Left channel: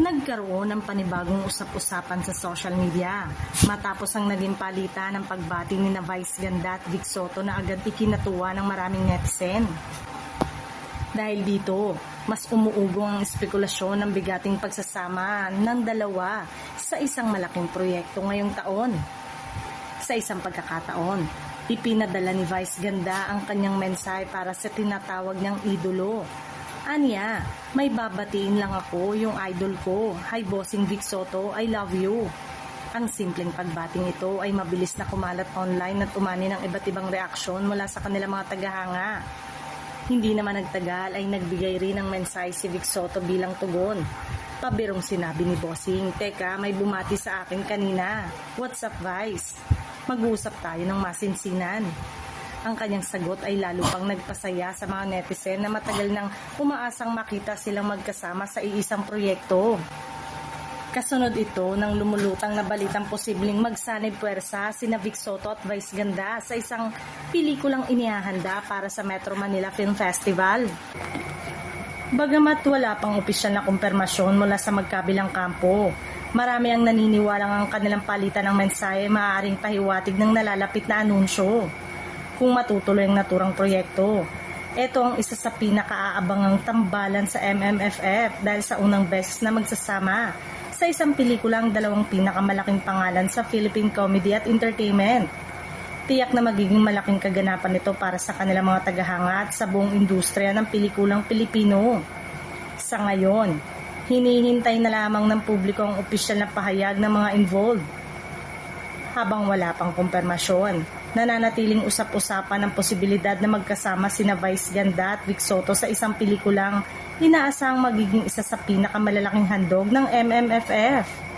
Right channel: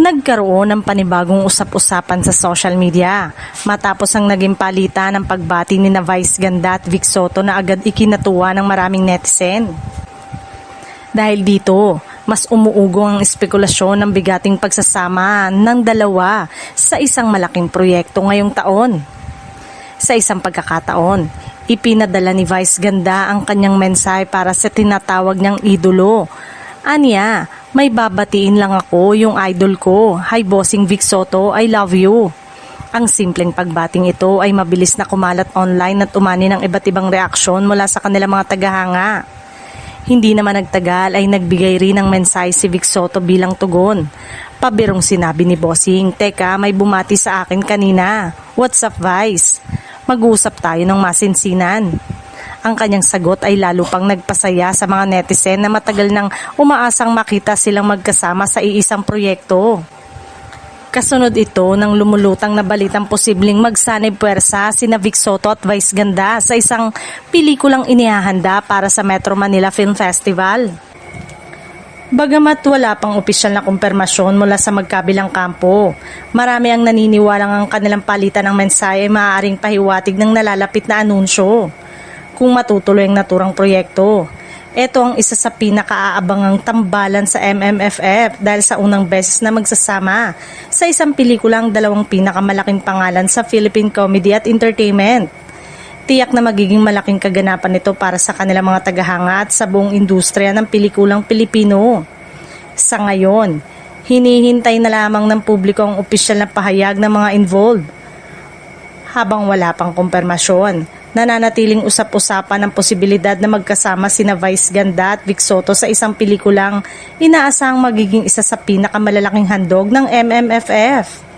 Nagkaroon ng panibagong usap-usapan sa social media matapos ang naging palitan ng pagbati ni na Vice Ganda at Vic Soto na agad ikinatuwa ng maraming netizen. Dahil dito, mas umuugong ang espekulasyon ng bigating pagsasama ng dalawa sa isang malaking proyekto ngayong taon. Sa isang pagkakataon, ipinadala ni Vice Ganda ang kanyang mensahe para sa tinatawag niyang idolo. Anya, may babatiin lang ako, yung idol ko. Hi bossing Vic Soto, I love you. Ang simpleng pagbating ito ay mabilis na kumalat online at umani ng iba't ibang reaksyon mula sa kanilang mga tagahanga. Hindi naman nagtagal ay nagbigay rin ng mensahe si Vic Soto bilang tugon. Pabirong sinabi ni bossing, teka may bumati sa akin kanina. What's up Vice? Mag-usap tayo ng masinsinan. Ang kanyang sagot ay lalo pang nagpasaya sa mga netizen na matagal nang umaasang makita silang magkasama sa iisang proyekto. Kasunod ito ng lumulutang na balitang posibleng magsanib puwersa sina Vic Soto at Vice Ganda sa isang pelikulang inihahanda para sa Metro Manila Film Festival. Bagamat wala pang opisyal na kumpirmasyon mula sa magkabilang kampo, marami ang naniniwalang ang kanilang palitan ng mensahe ay maaaring pahiwatig ng nalalapit na anunsyo. Kung matutuloy ang naturang proyekto, ito ang isa sa pinakaaabangang tambalan sa MMFF dahil sa unang beses na magsasama sa isang pelikulang dalawang pinakamalaking pangalan sa Philippine comedy at entertainment. Tiyak na magiging malaking kaganapan ito para sa kanilang mga tagahanga at sa buong industriya ng pelikulang Pilipino. Sa ngayon, hinihintay na lamang ng publiko ang opisyal na pahayag ng mga involved. Habang wala pang kumpirmasyon, nananatiling usap-usapan ang posibilidad na magkasama sina Vice Ganda at Vic Soto sa isang pelikulang inaasahang magiging isa sa pinakamalalaking handog ng MMFF.